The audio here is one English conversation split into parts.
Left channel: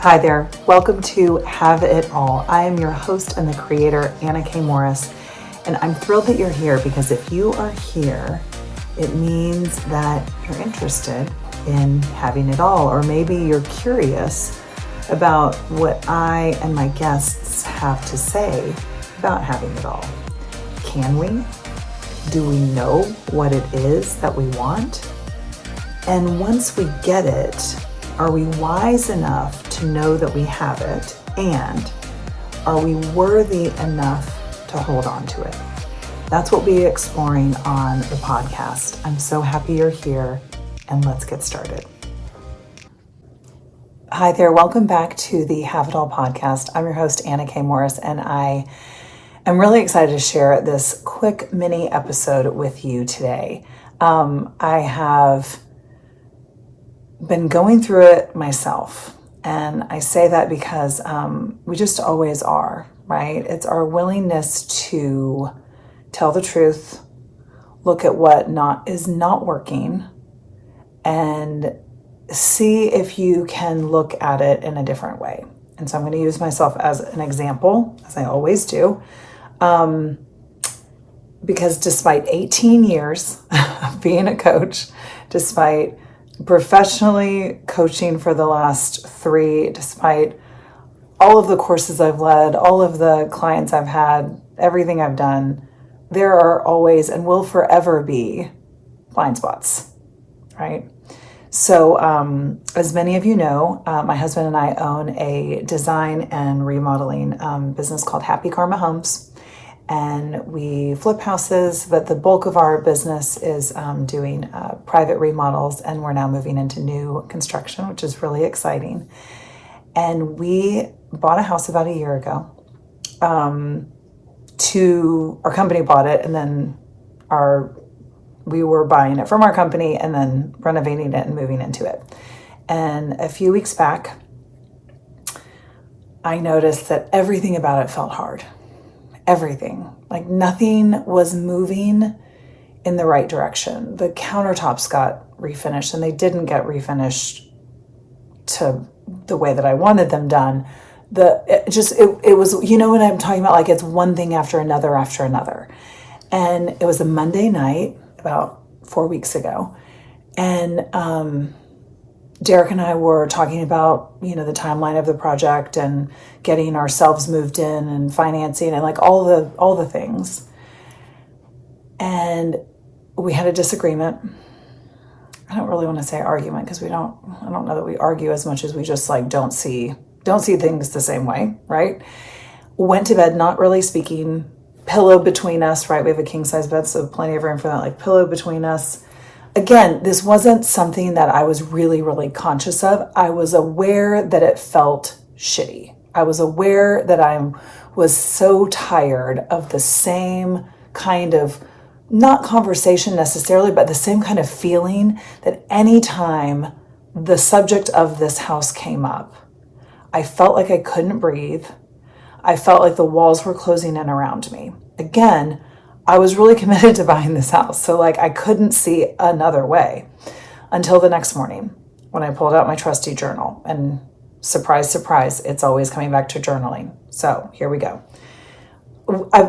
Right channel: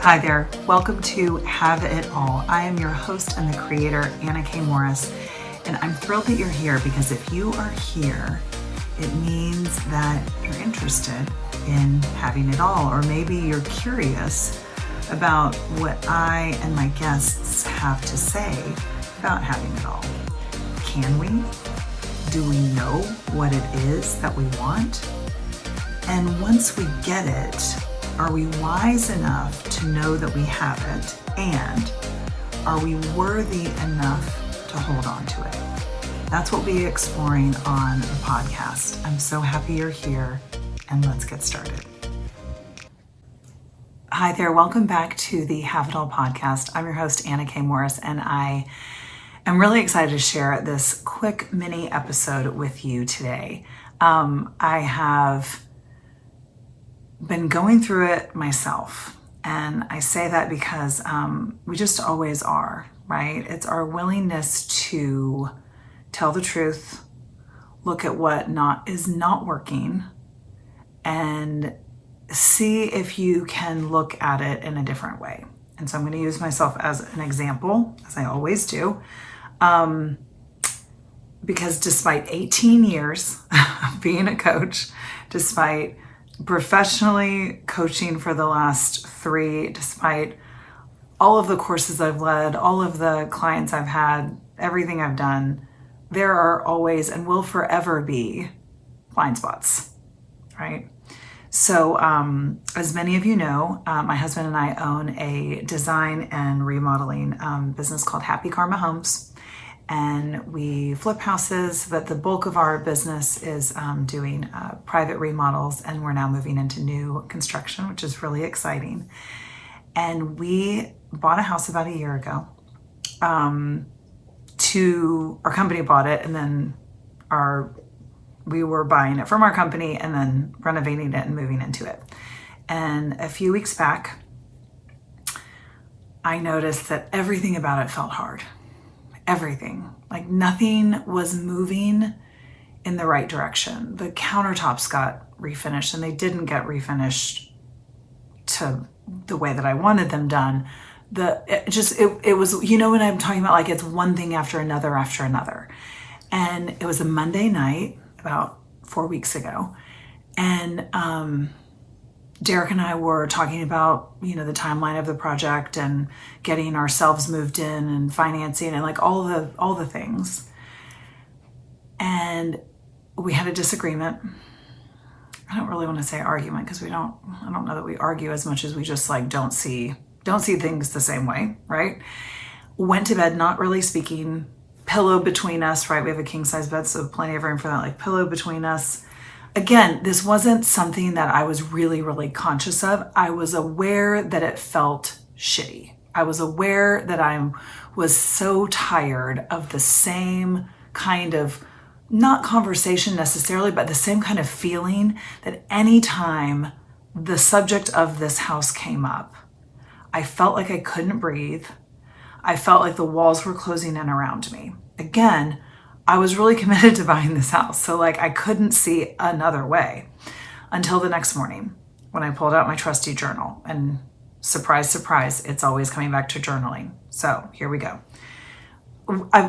Hi there. Welcome to Have It All. I am your host and the creator, Anna K. Morris, and I'm thrilled that you're here because if you are here, it means that you're interested in having it all, or maybe you're curious about what I and my guests have to say about having it all. Can we? Do we know what it is that we want? And once we get it, are we wise enough to know that we have it? And are we worthy enough to hold on to it? That's what we'll be exploring on the podcast. I'm so happy you're here, and let's get started. Hi there. Welcome back to the Have It All podcast. I'm your host, Anna K. Morris, and I am really excited to share this quick mini episode with you today. I have been going through it myself. And I say that because we just always are, right? It's our willingness to tell the truth, look at what is not working, and see if you can look at it in a different way. And so I'm going to use myself as an example, as I always do, because despite 18 years of being a coach, despite professionally coaching for the last 3, despite all of the courses I've led, all of the clients I've had, everything I've done, there are always and will forever be blind spots, right? So as many of you know, my husband and I own a design and remodeling business called Happy Karma Homes. And we flip houses, but the bulk of our business is doing private remodels, and we're now moving into new construction, which is really exciting. And we bought a house about a year ago. Our company bought it, and then we were buying it from our company and then renovating it and moving into it. And a few weeks back, I noticed that everything about it felt hard. Everything, like nothing was moving in the right direction. The countertops got refinished, and they didn't get refinished to the way that I wanted them done. It was, you know what I'm talking about? Like it's one thing after another. And it was a Monday night about 4 weeks ago. And, Derek and I were talking about, the timeline of the project and getting ourselves moved in and financing and like all the things. And we had a disagreement. I don't really want to say argument because I don't know that we argue as much as we just like don't see things the same way, right? Went to bed not really speaking, pillow between us, right? We have a king size bed, so plenty of room for that, like pillow between us. Again, this wasn't something that I was really, really conscious of. I was aware that it felt shitty. I was aware that I was so tired of the same kind of, not conversation necessarily, but the same kind of feeling that anytime the subject of this house came up, I felt like I couldn't breathe. I felt like the walls were closing in around me. Again, I was really committed to buying this house. So like I couldn't see another way until the next morning when I pulled out my trusty journal, and surprise, surprise, it's always coming back to journaling. So here we go.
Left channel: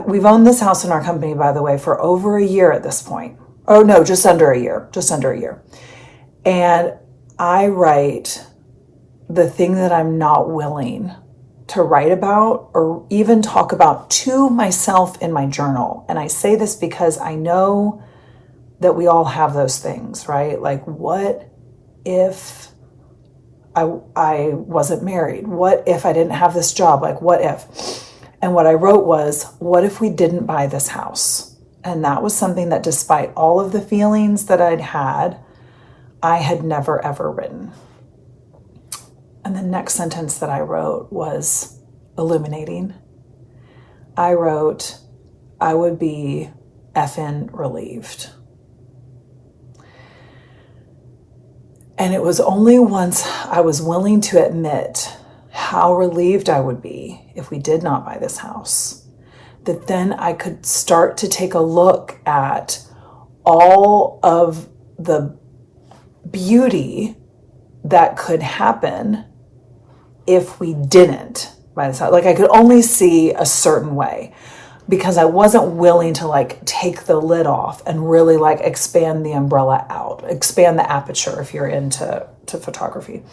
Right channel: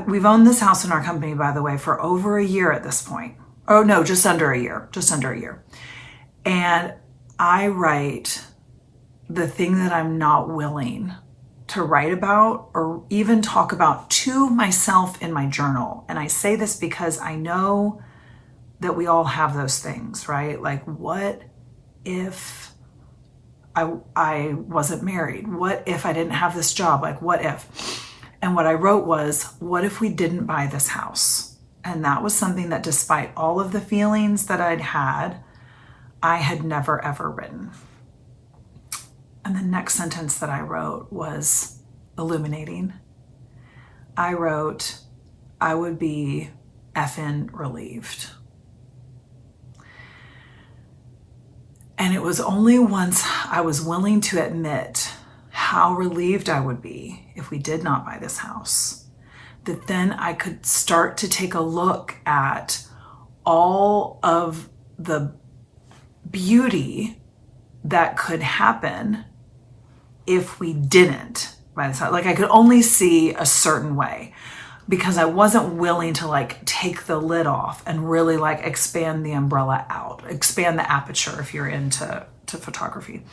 We've owned this house in our company, by the way, for over a year at this point. Oh no, just under a year. And I write the thing that I'm not willing to write about or even talk about to myself in my journal. And I say this because I know that we all have those things, right? Like, what if I wasn't married? What if I didn't have this job? Like, what if? And what I wrote was, what if we didn't buy this house? And that was something that despite all of the feelings that I'd had, I had never, ever written. And the next sentence that I wrote was illuminating. I wrote, I would be effing relieved. And it was only once I was willing to admit how relieved I would be if we did not buy this house, that then I could start to take a look at all of the beauty that could happen if we didn't buy this house. Like I could only see a certain way because I wasn't willing to like take the lid off and really like expand the umbrella out, expand the aperture if you're into photography.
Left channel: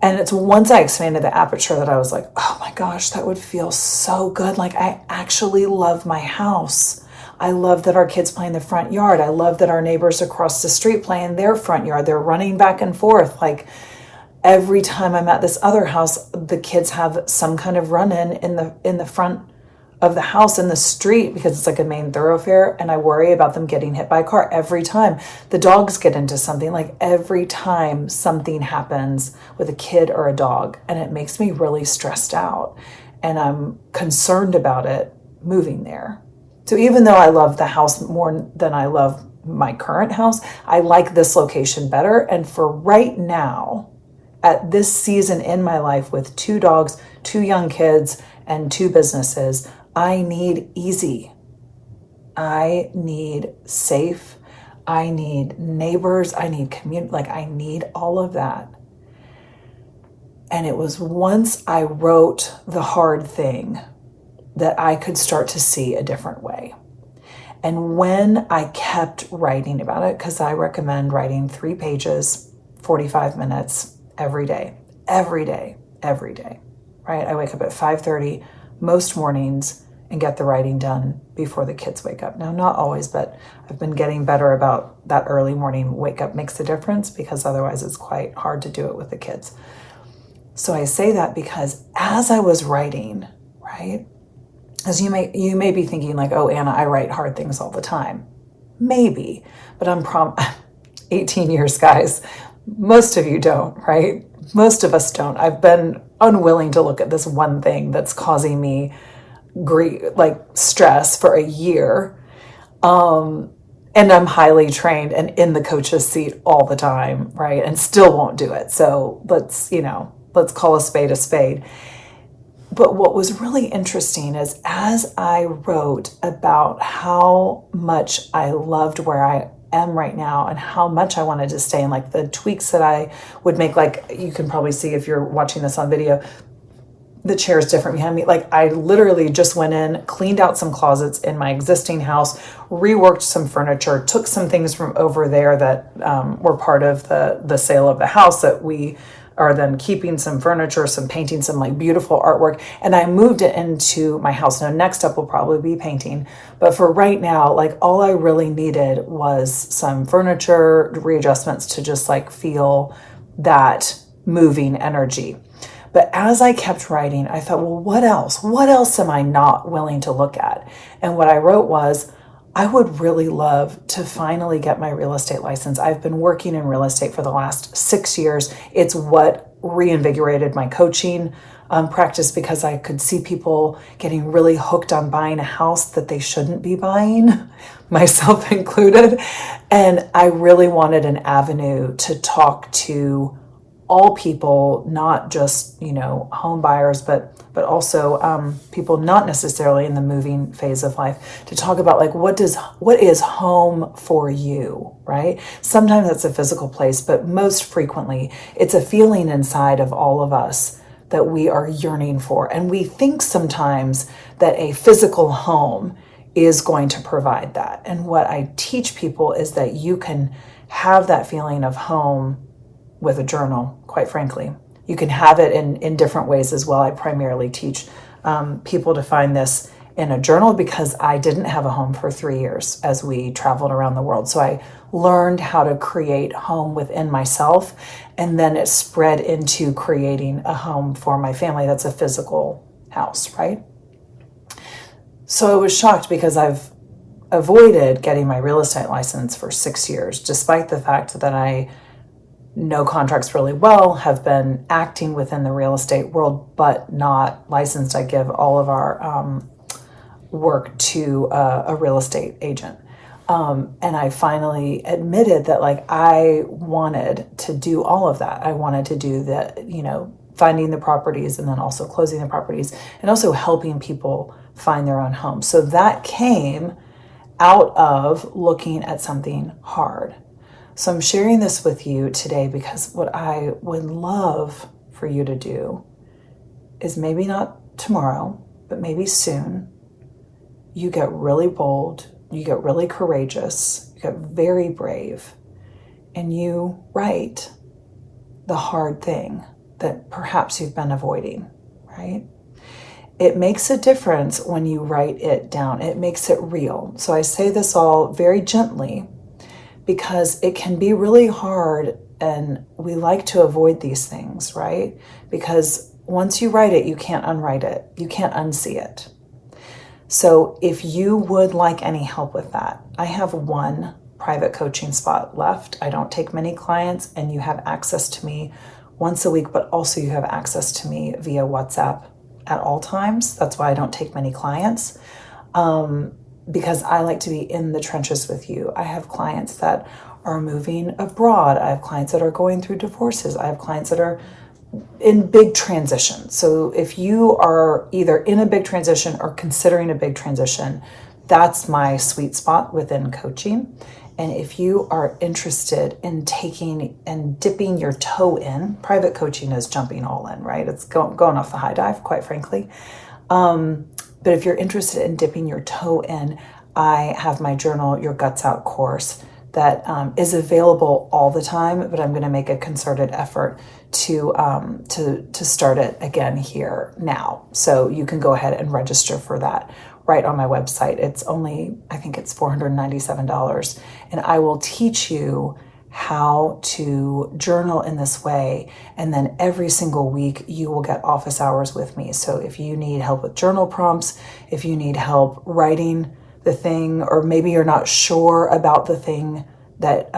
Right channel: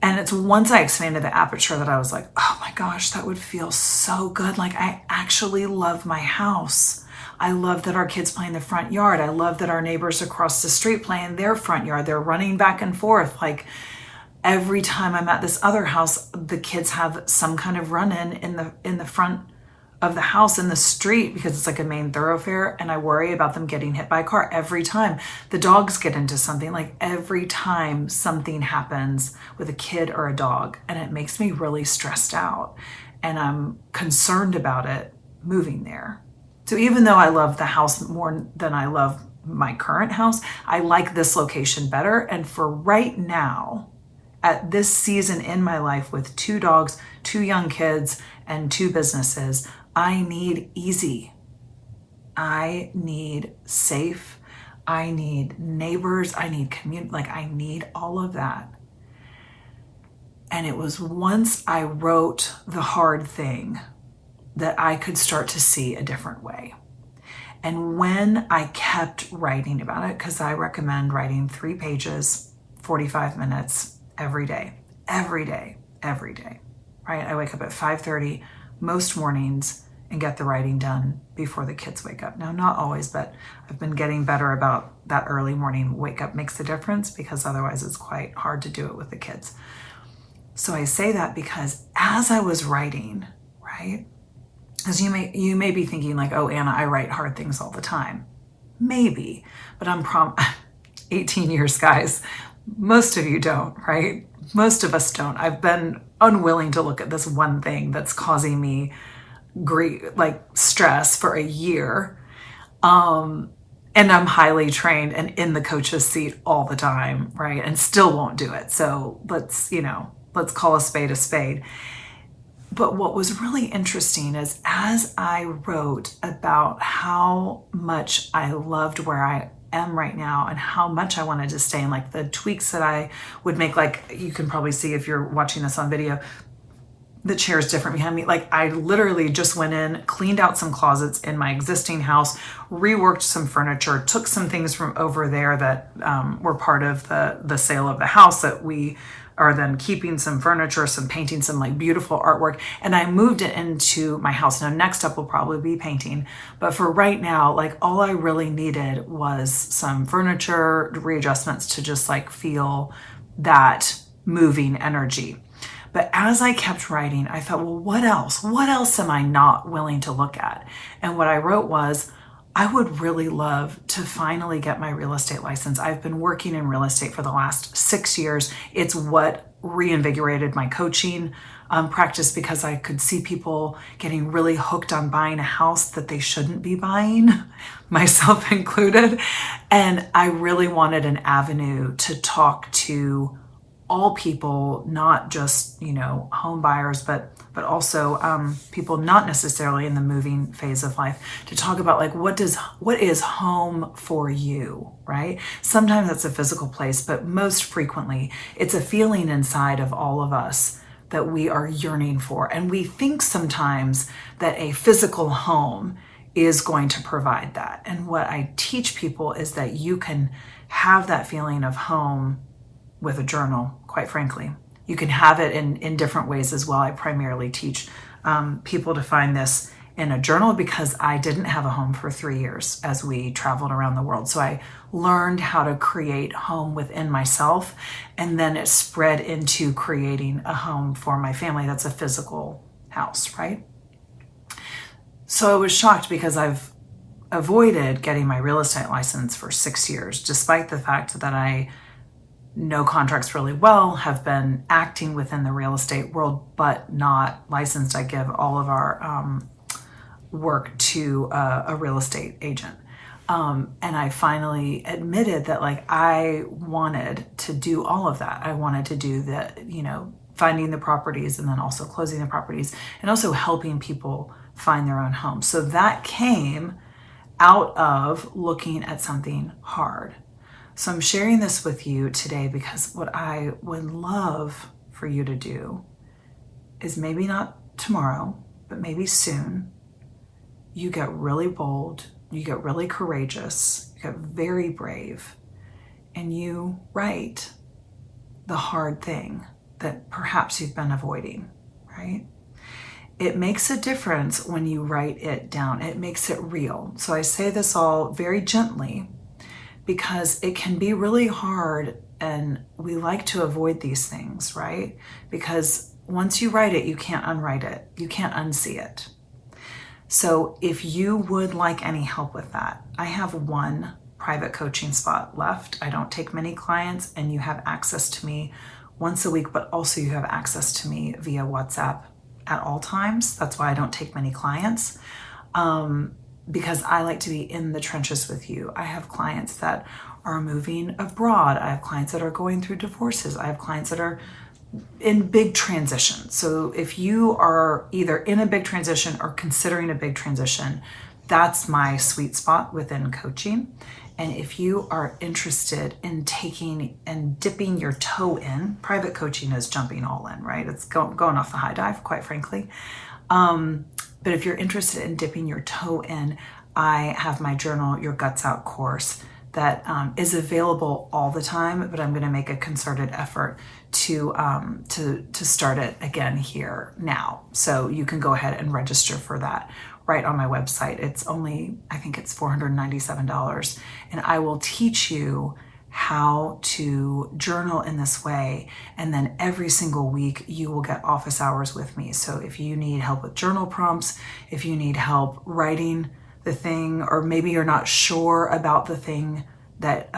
And it's once I expanded the aperture that I was like, oh my gosh, that would feel so good. Like I actually love my house. I love that our kids play in the front yard. I love that our neighbors across the street play in their front yard. They're running back and forth. Like every time I'm at this other house, the kids have some kind of run-in in the front of the house in the street because it's like a main thoroughfare, and I worry about them getting hit by a car every time. The dogs get into something, like every time something happens with a kid or a dog, and it makes me really stressed out, and I'm concerned about it moving there. So even though I love the house more than I love my current house, I like this location better. And for right now, at this season in my life with 2 dogs, 2 young kids, and 2 businesses, I need easy. I need safe. I need neighbors. I need community. Like I need all of that. And it was once I wrote the hard thing that I could start to see a different way. And when I kept writing about it, because I recommend writing 3 pages, 45 minutes every day, right? I wake up at 5:30 most mornings and get the writing done before the kids wake up. Now, not always, but I've been getting better about that early morning wake up makes a difference because otherwise it's quite hard to do it with the kids. So I say that because as I was writing, right, as you may be thinking like, oh, Anna, I write hard things all the time. Maybe, but I'm 18 years, guys. Most of you don't, right? Most of us don't. I've been unwilling to look at this one thing that's causing me grief, like stress for a year. And I'm highly trained and in the coach's seat all the time, right? And still won't do it. So let's call a spade a spade. But what was really interesting is as I wrote about how much I loved where I am right now and how much I wanted to stay and like the tweaks that I would make, like you can probably see if you're watching this on video, the chair is different behind me. Like I literally just went in, cleaned out some closets in my existing house, reworked some furniture, took some things from over there that were part of the sale of the house that we are then keeping, some furniture, some painting, some like beautiful artwork, and I moved it into my house. Now next up will probably be painting, but for right now, like all I really needed was some furniture readjustments to just like feel that moving energy. But as I kept writing, I thought, well, what else? What else am I not willing to look at? And what I wrote was, I would really love to finally get my real estate license. I've been working in real estate for the last 6 years. It's what reinvigorated my coaching practice because I could see people getting really hooked on buying a house that they shouldn't be buying, myself included. And I really wanted an avenue to talk to all people, not just, home buyers, but also people not necessarily in the moving phase of life, to talk about like, what is home for you, right? Sometimes it's a physical place, but most frequently it's a feeling inside of all of us that we are yearning for. And we think sometimes that a physical home is going to provide that. And what I teach people is that you can have that feeling of home with a journal, quite frankly. You can have it in different ways as well. I primarily teach people to find this in a journal because I didn't have a home for 3 years as we traveled around the world. So I learned how to create home within myself, and then it spread into creating a home for my family that's a physical house, right? So I was shocked because I've avoided getting my real estate license for 6 years, despite the fact that I know contracts really well, have been acting within the real estate world, but not licensed. I give all of our work to a real estate agent. And I finally admitted that like I wanted to do all of that. I wanted to do the, finding the properties and then also closing the properties and also helping people find their own home. So that came out of looking at something hard. So I'm sharing this with you today because what I would love for you to do is maybe not tomorrow, but maybe soon. You get really bold, you get really courageous, you get very brave, and you write the hard thing that perhaps you've been avoiding, right? It makes a difference when you write it down. It makes it real. So I say this all very gently because it can be really hard, and we like to avoid these things, right? Because once you write it, you can't unwrite it. You can't unsee it. So if you would like any help with that, I have one private coaching spot left. I don't take many clients, and you have access to me once a week, but also you have access to me via WhatsApp at all times. That's why I don't take many clients, because I like to be in the trenches with you. I have clients that are moving abroad. I have clients that are going through divorces. I have clients that are in big transition. So if you are either in a big transition or considering a big transition, that's my sweet spot within coaching. And if you are interested in taking and dipping your toe in, private coaching is jumping all in, right? It's going off the high dive, quite frankly. But if you're interested in dipping your toe in, I have my Journal Your Guts Out course that is available all the time, but I'm going to make a concerted effort to start it again here now. So you can go ahead and register for that right on my website. It's only, I think it's $497. And I will teach you how to journal in this way. And then every single week you will get office hours with me. So if you need help with journal prompts, if you need help writing the thing, or maybe you're not sure about the thing that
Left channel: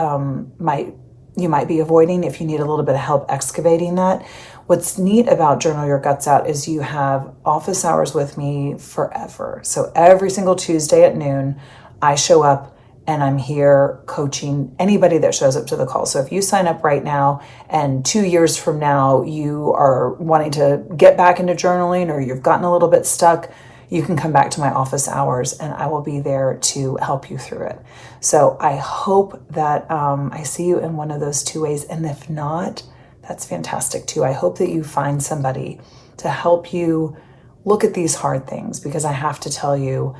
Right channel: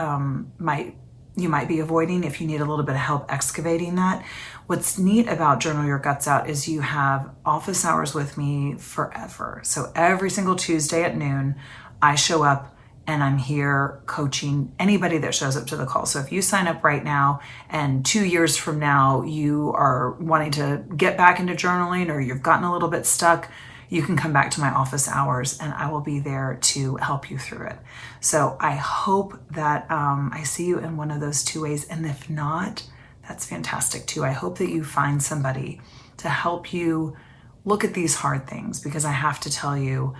you might be avoiding, if you need a little bit of help excavating that. What's neat about Journal Your Guts Out is you have office hours with me forever. So every single Tuesday at noon, I show up and I'm here coaching anybody that shows up to the call. So if you sign up right now and 2 years from now, you are wanting to get back into journaling, or you've gotten a little bit stuck, you can come back to my office hours and I will be there to help you through it. So I hope that I see you in one of those two ways. And if not, that's fantastic too. I hope that you find somebody to help you look at these hard things, because I have to tell you,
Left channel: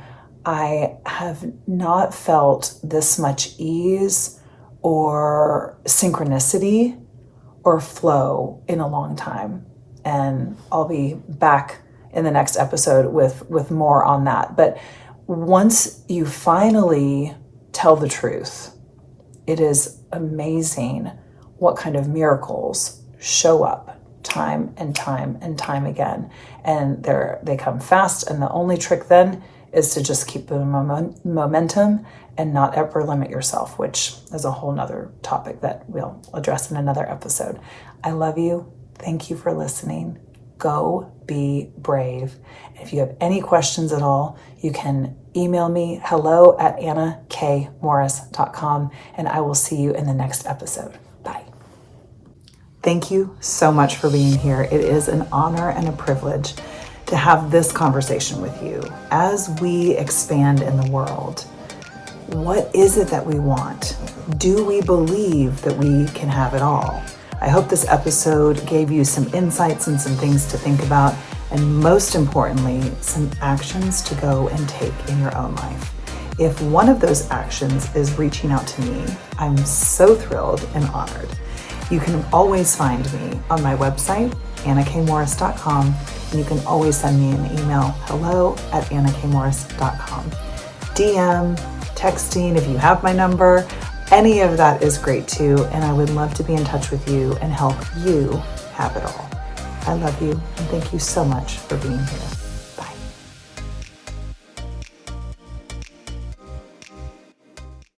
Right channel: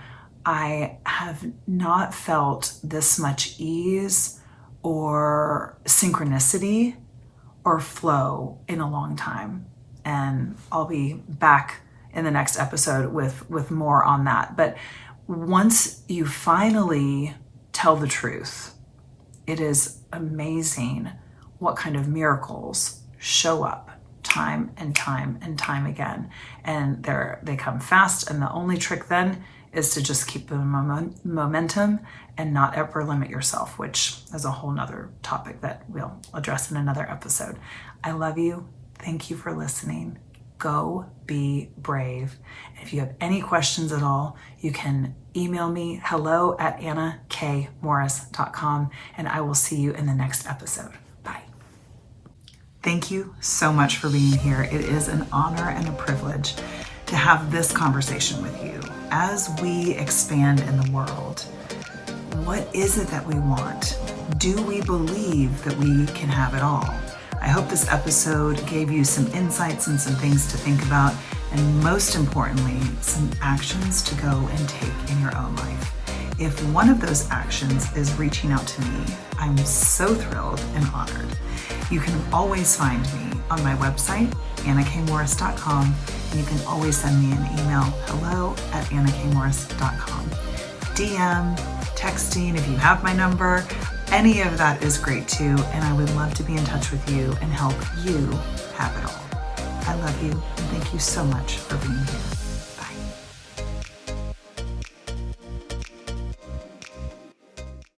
I have not felt this much ease or synchronicity or flow in a long time. And I'll be back in the next episode with more on that. But once you finally tell the truth, it is amazing what kind of miracles show up time and time and time again. And they come fast. And the only trick then is to just keep the momentum and not ever limit yourself, which is a whole nother topic that we'll address in another episode. I love you. Thank you for listening. Go be brave. If you have any questions at all, you can email me hello@annakmorris.com, and I will see you in the next episode. Bye. Thank you so much for being here. It is an honor and a privilege to have this conversation with you. As we expand in the world, what is it that we want? Do we believe that we can have it all? I hope this episode gave you some insights and some things to think about, and most importantly, some actions to go and take in your own life. If one of those actions is reaching out to me, I'm so thrilled and honored. You can always find me on my website, annakmorris.com, and you can always send me an email, hello@annakmorris.com. DM, texting, if you have my number, any of that is great too, and I would love to be in touch with you and help you have it all. I love you, and thank you so much for being here.